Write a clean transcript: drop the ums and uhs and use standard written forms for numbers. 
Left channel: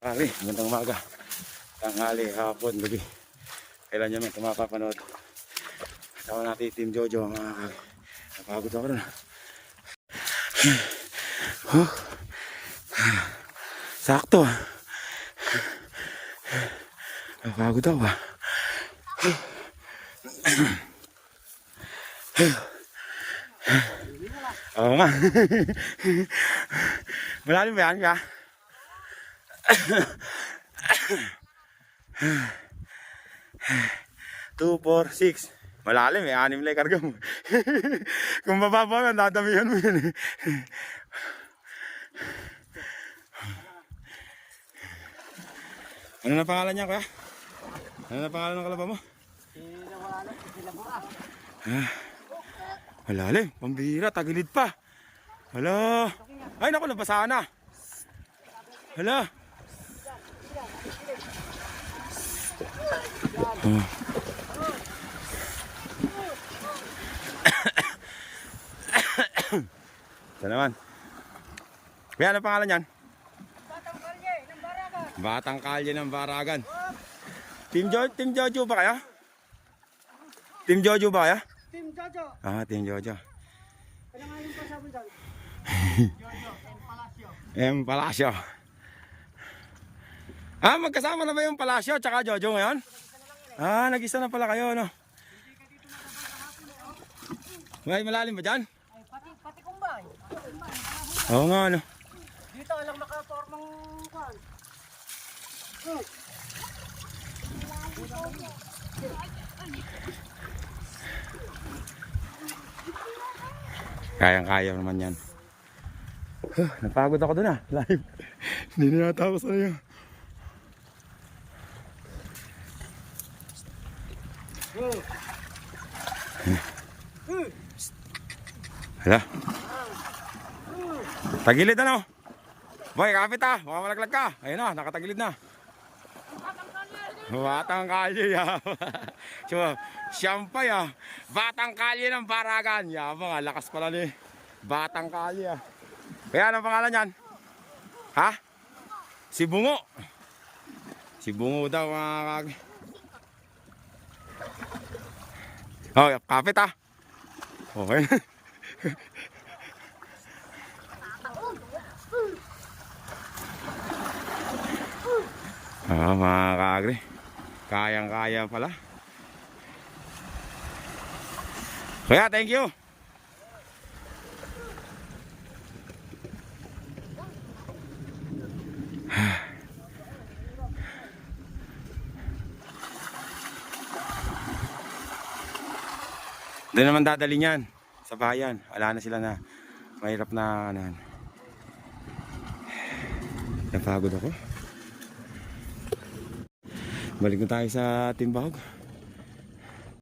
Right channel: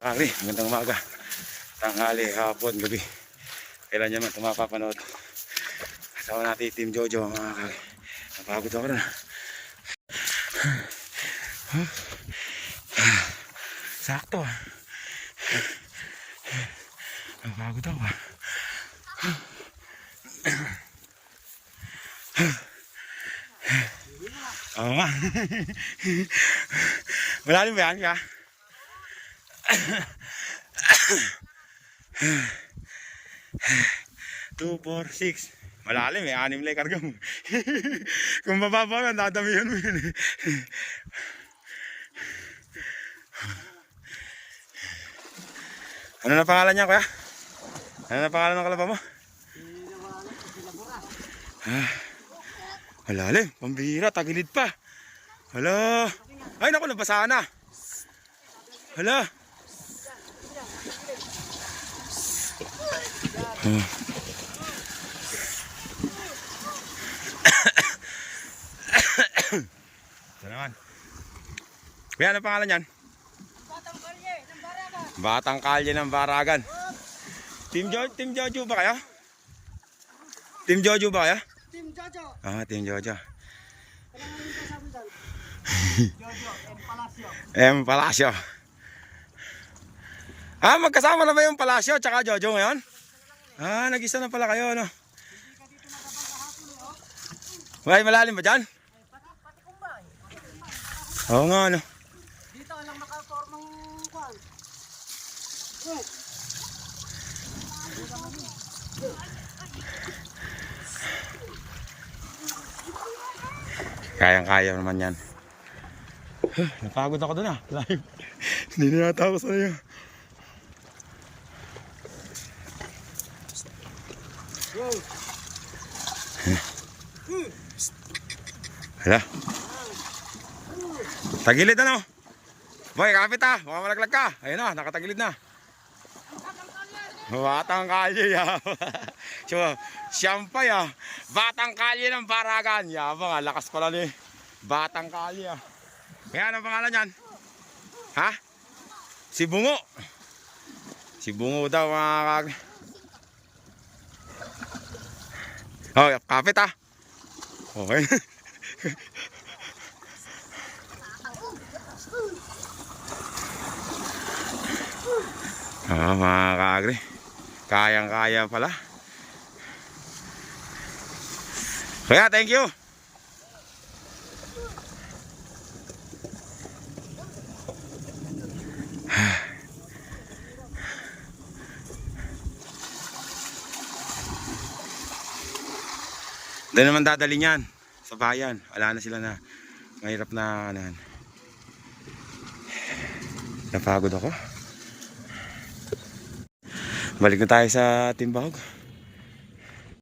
Pare, magandang umaga, tanghali, hapon, gabi. Kailan nyo man ito mapapanood. Kasama natin Team Jojo, mga kage. Napagod ako na. Sakto. Napagod ako ba? Oo nga. Malalim ba yan ka? 2, 4, 6. Malalim eh, 6 lang karga mo. Kung bababa ka, dadamihan mo yun eh. Ano na pangalan niya, kuya? Ano na pangalan ng kalaba mo? Malalim, pambihira, tagilid pa. Hala. Ay naku, nabasa na. Hala. Ito naman. Kuya, ano pangalan yan? Batang Kalye ng Baragan. Batang Kalye ng Baragan. Team Jojo ba kaya? Team Jojo ba kaya? Team Jojo. Ah, Team Jojo. Kailangan yung pasabi dyan. Jojo and Palacio. M. Palacio. Ah, magkasama na ba yung Palacio tsaka Jojo ngayon? Ah, nag-isa na pala kayo, no? May malalim ba dyan? Pati kumbay. Oo nga, no? Dito alang nakapormang kwan. Kayang-kaya naman yan. Napagod ako dun ah. Live. Hindi na yata ako sa'yo. Hala. Tagilid ano? Boy, kapit ah. Baka malaglag ka. Ayun na, nakatagilid na. Batang Kalye ya. So, siyempre ya. Batang Kalye ng Baragan. Yabang, lakas pala ni Batang Kalye ah. Kaya ano pangalan yan? Ha? Si Bungo. Si Bungo daw mga kage. Oh, kapit ah. Okay. Ah, mga kagre. Kayang-kaya pala. Kaya, thank you. Doon naman dadali niyan sa bayan. Wala na sila na mahirap na ano. Napagod ako. Balik na tayo sa Timbahog.